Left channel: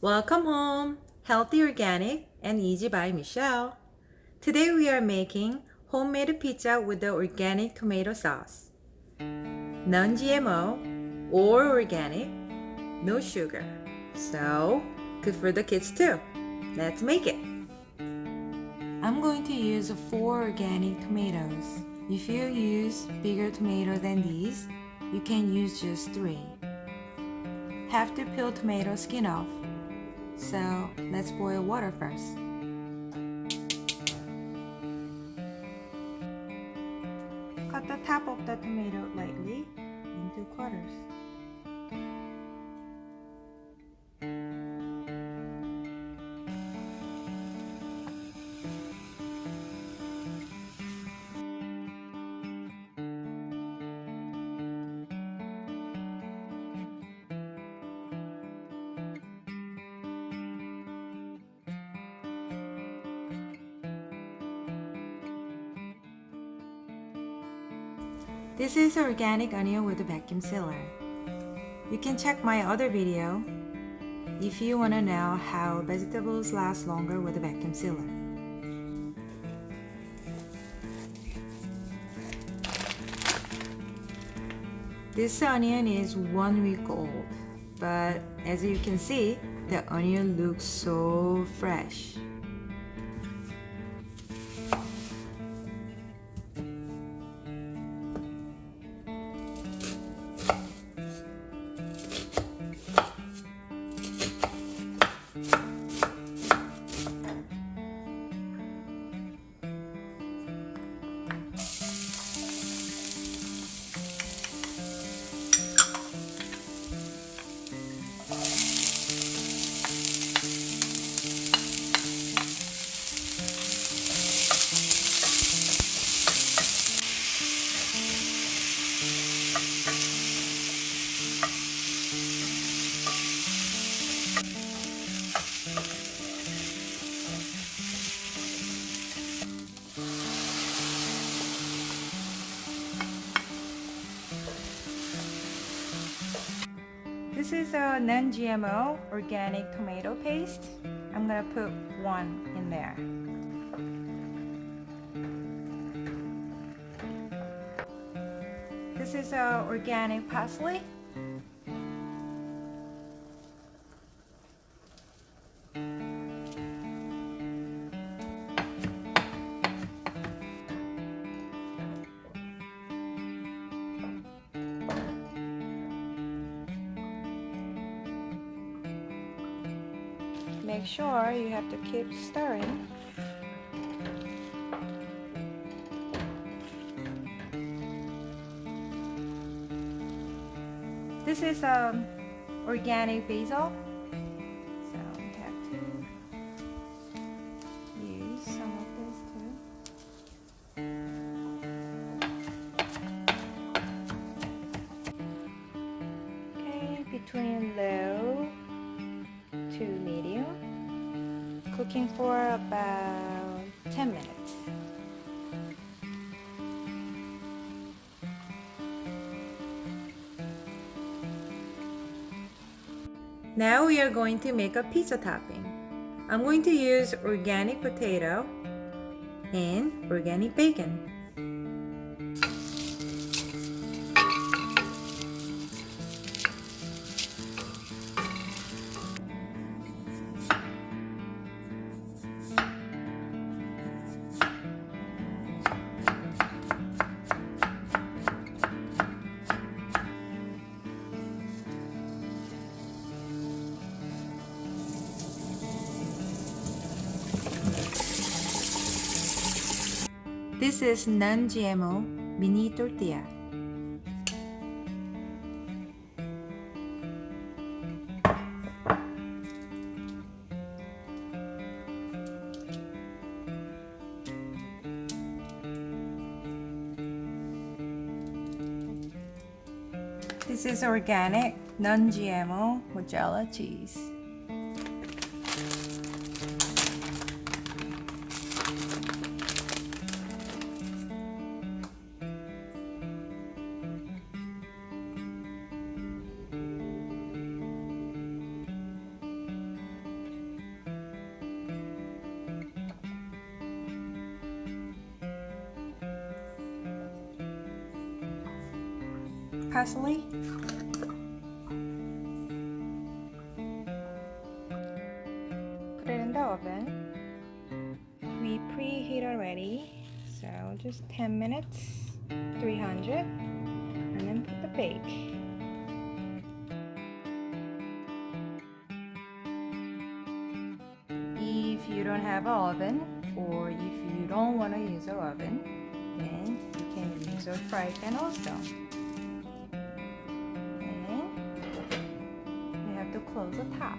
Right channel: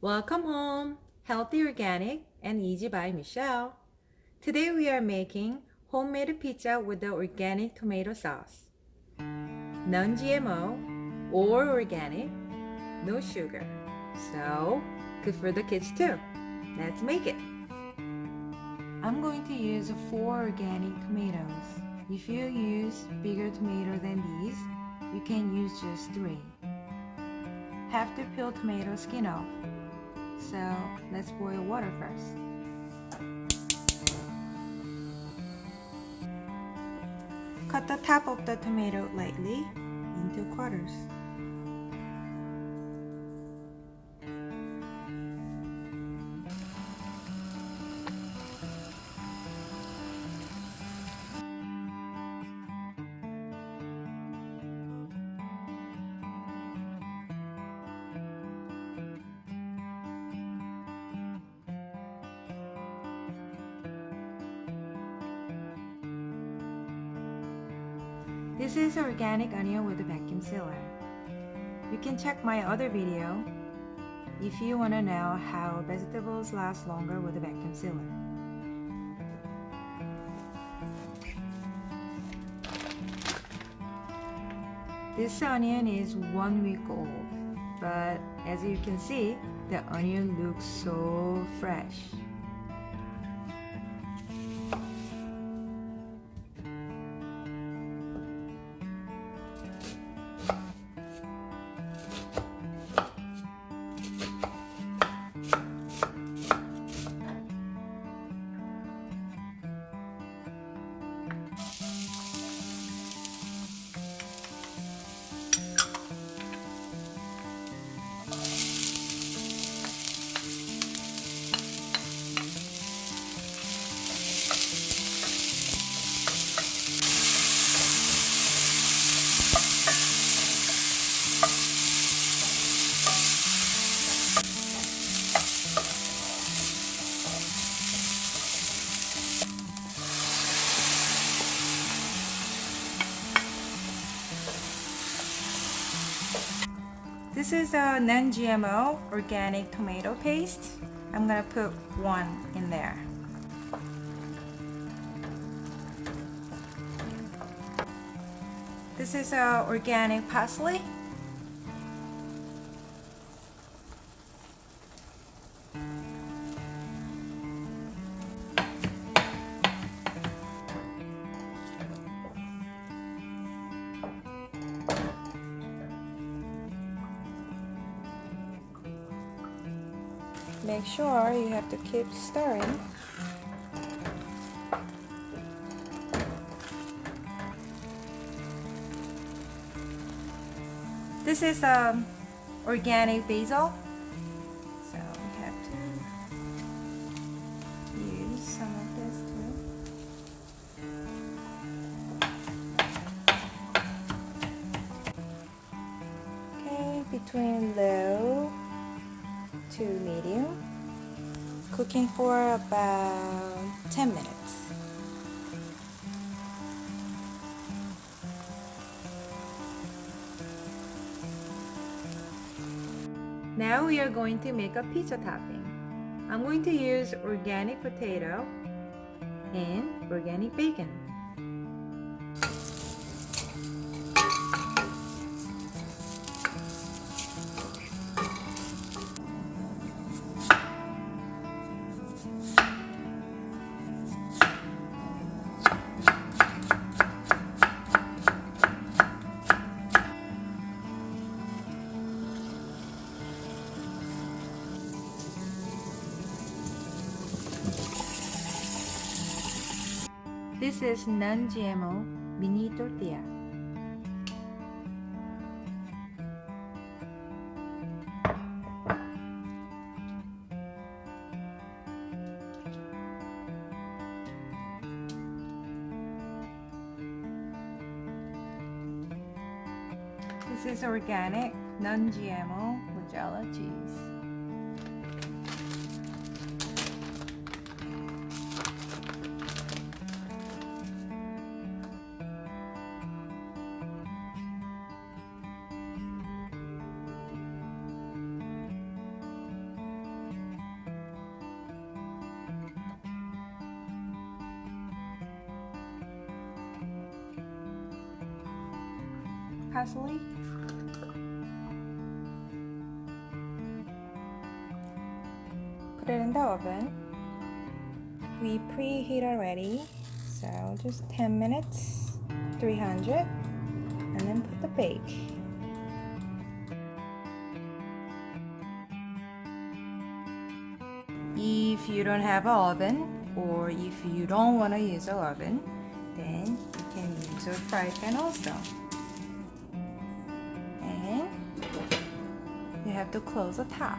Welcome home, Healthy Organic and Easy by Michelle. Today we are making homemade pizza with the organic tomato sauce. Non-GMO or organic, no sugar. So, good for the kids too. Let's make it. I'm going to use 4 organic tomatoes. If you use bigger tomatoes than these, you can use just 3. Have to peel tomato skin off. So let's boil water first. Cut the top of the tomato lightly into quarters. This is organic onion with a vacuum sealer. You can check my other video if you want to know how vegetables last longer with a vacuum sealer. This onion is 1 week old, but as you can see, the onion looks so fresh. This is a non-GMO organic tomato paste. I'm gonna put 1 in there. This is organic parsley. Make sure you have to keep stirring. This is organic basil, so we have to use some of this too. Okay, between low to medium, cooking for about 10 minutes. Now we are going to make a pizza topping. I'm going to use organic potato and organic bacon. This is non-GMO mini tortilla. This is organic non-GMO mozzarella cheese. parsley. Put it in the oven. We preheat already, so just 10 minutes, 300, and then put the bake. If you don't have an oven, or if you don't want to use an oven, then you can use a fry pan also. And you have to close the top.